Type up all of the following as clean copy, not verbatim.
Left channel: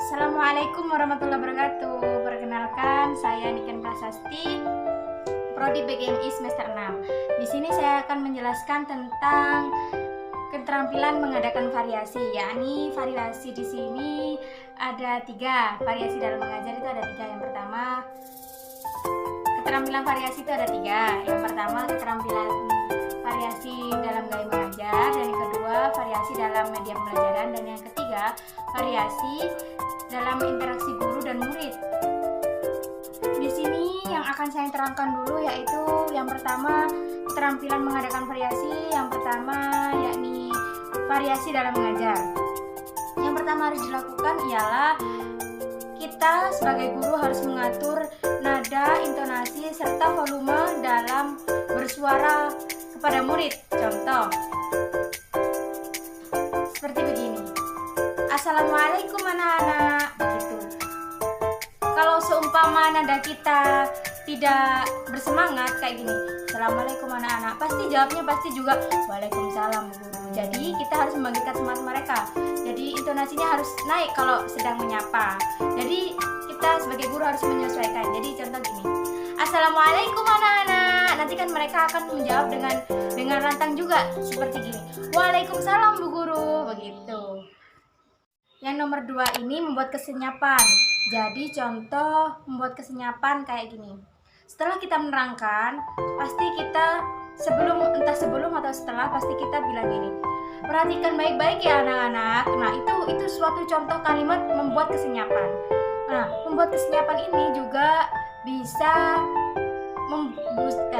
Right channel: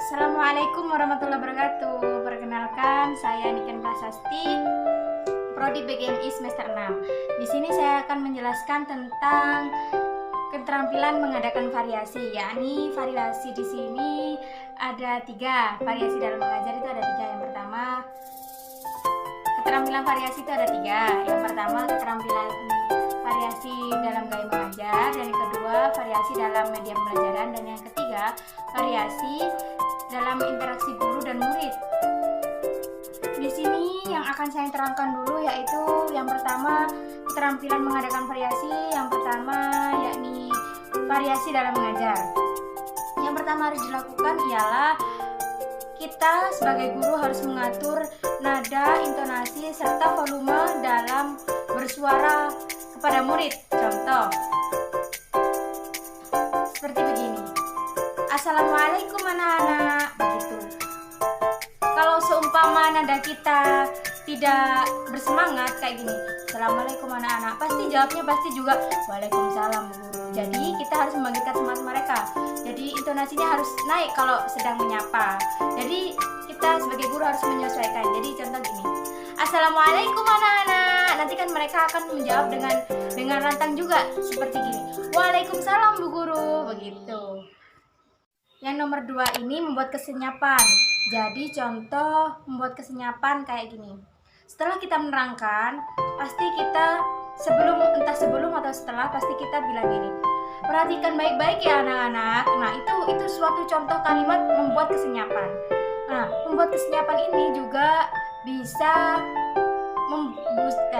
Assalamualaikum warahmatullahi wabarakatuh. Perkenalkan, saya Niken Prasasti, Prodi PGMI semester 6. Di sini saya akan menjelaskan tentang keterampilan mengadakan variasi, yakni variasi di sini ada 3. Variasi dalam mengajar itu ada 3. Yang pertama, keterampilan variasi itu ada 3. Yang pertama, keterampilan variasi dalam gaya mengajar, dan yang kedua variasi dalam media pembelajaran, dan yang ketiga variasi dalam interaksi guru dan murid. Di sini yang akan saya terangkan dulu yaitu yang pertama keterampilan mengadakan variasi. Yang pertama yakni variasi dalam mengajar. Yang pertama harus dilakukan ialah kita sebagai guru harus mengatur nada, intonasi, serta volume dalam bersuara kepada murid. Contoh seperti begini. Assalamualaikum anak-anak, begitu. Kalau seumpama nada kita tidak bersemangat kayak gini, Assalamualaikum anak-anak, pasti jawabnya juga Waalaikumsalam Bu Guru. Jadi kita harus membangkitkan semangat mereka. Jadi intonasinya harus naik kalau sedang menyapa. Jadi kita sebagai guru harus menyesuaikan. Jadi contoh gini, Assalamualaikum anak-anak. Nanti kan mereka akan menjawab dengan lantang juga seperti gini, Waalaikumsalam Bu Guru, begitu. Yang nomor 2 ini membuat kesenyapan. Jadi contoh membuat kesenyapan kayak gini. Setelah kita menerangkan, pasti kita sebelum atau setelah pasti kita bilang gini. Perhatikan baik-baik ya anak-anak. Nah, itu suatu contoh kalimat membuat kesenyapan. Nah, membuat kesenyapan ini juga bisa membuat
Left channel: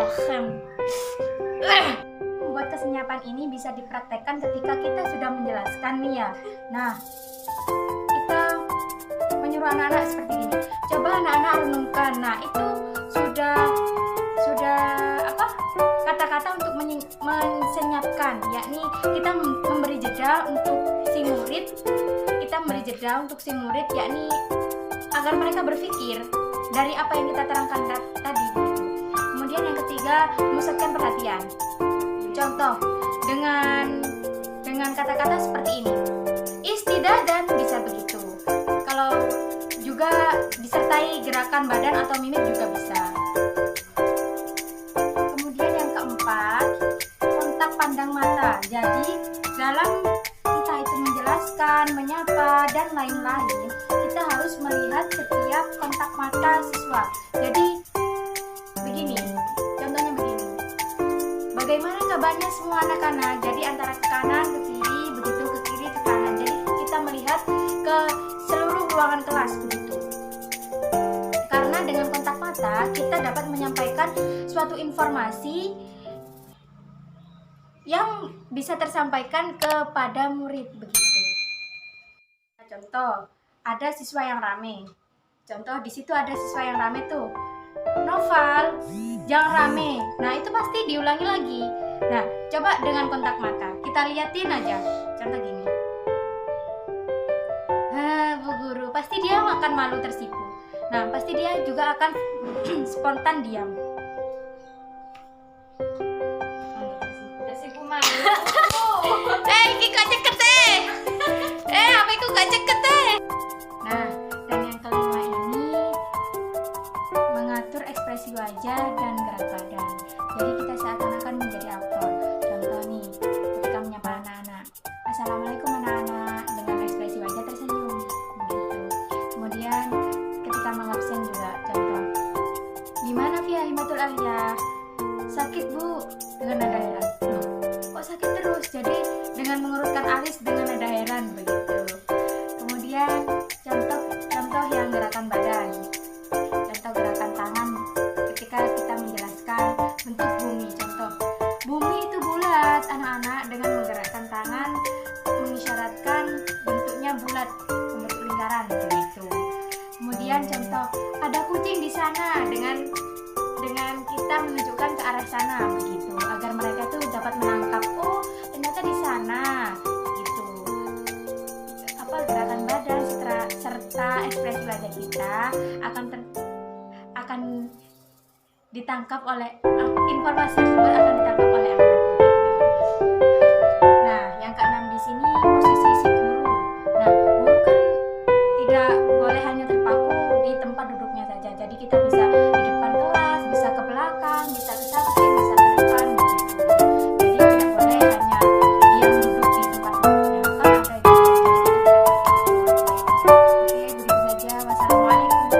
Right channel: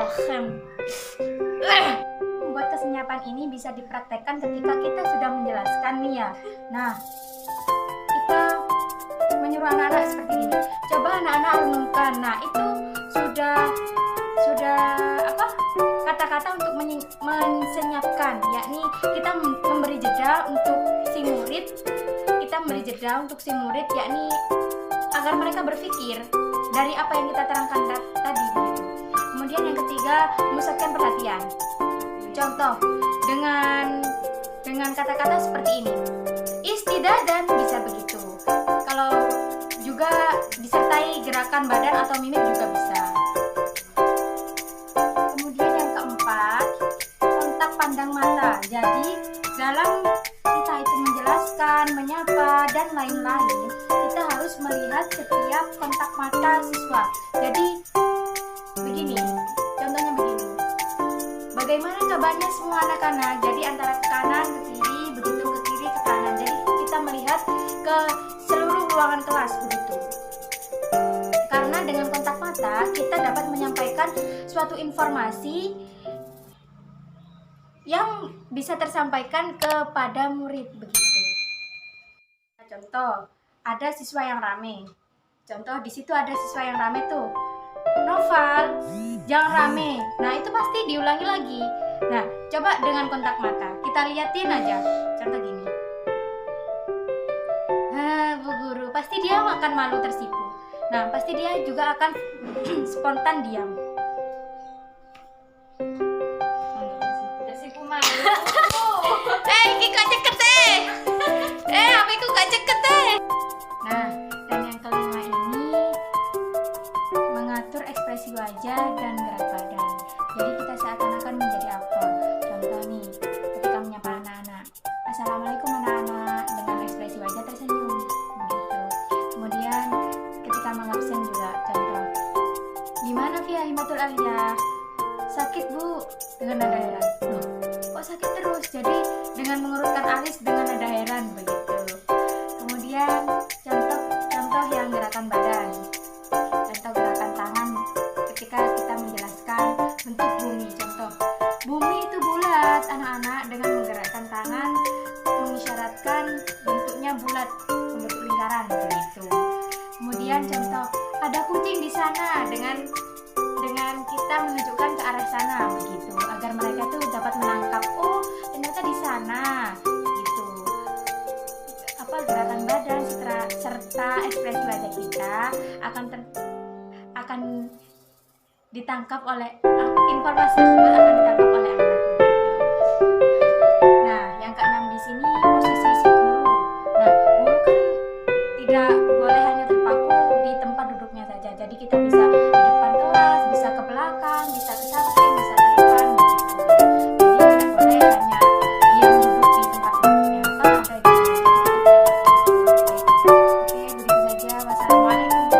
kesenyapan ini bisa dipraktekkan ketika kita sudah menjelaskan nih ya. Nah, kita menyuruh anak-anak seperti ini. Coba anak-anak renungkan. Nah, itu sudah kata-kata untuk mensenyapkan, yakni kita memberi jeda untuk si murid. Yakni agar mereka berpikir dari apa yang kita terangkan tadi begitu. Kemudian yang ketiga, memusatkan perhatian. Contoh dengan kata-kata seperti ini. Istidadan bisa begitu. Kalau juga disertai gerakan badan atau mimik juga bisa. Kemudian yang keempat, kontak pandang mata. Jadi dalam entah itu menjelaskan, menyapa, dan lain-lain, kita harus melihat setiap kontak mata siswa. Jadi begini, contohnya begini. Bagaimana kabarnya semua anak-anak? Jadi antara ke kanan, ke kiri, begitu ke kiri, ke kanan. Jadi kita melihat ke seluruh ruangan kelas begitu. Karena dengan kontak mata kita dapat menyampaikan suatu informasi yang bisa tersampaikan kepada murid begitu. Contoh, ada siswa yang rame. Contoh di situ ada siswa yang rame tuh. Noval, jangan rame. Nah, itu pasti diulangi lagi. Nah, coba dengan kontak mata kita liatin aja. Contoh gini. Bu Guru, pasti dia akan malu tersipu. Nah, pasti dia juga akan spontan diam. Tersipu malu. Iki gak ceket deh. Apa itu gak ceket deh. Nah, dan yang kelima ini mengatur ekspresi wajah dan gerak badan. Jadi kita seakan-akan menjadi aktor. Contoh nih, ketika menyapa anak-anak, Assalamualaikum anak-anak, dengan ekspresi wajah tersenyum begitu. Kemudian ketika mengabsen juga, contoh, gimana Via Himatul Aliyah? Sakit Bu, dengan nada heran. Loh, kok sakit terus? Jadi dengan mengurutkan alis dengan nada heran begitu. Kemudian contoh yang gerakan badan. Contoh gerakan tangan ketika kita menjelaskan bentuk bumi. Contoh, bumi itu bulat anak-anak, dengan menggerakkan tangan mengisyaratkan bentuknya bulat, membentuk lingkaran begitu. Kemudian contoh, ada kucing di sana, dengan kita menunjukkan ke arah sana begitu, agar mereka tuh dapat menangkap, oh ternyata di sana gitu. Gerakan badan serta ekspresi wajah kita akan ditangkap oleh informasi tersebut akan ditangkap oleh anak begitu. Nah, yang keenam di sini posisi si guru. Nah, guru kan tidak boleh hanya terpaku di tempat duduknya saja. Jadi kita bisa di depan kelas, bisa ke belakang, bisa ke samping, bisa ke depan begitu. Jadi tidak boleh hanya diam duduk di tempat duduknya, kan ada gitu. Jadi kita tidak boleh gitu. Oke, begitu saja. Wassalamualaikum.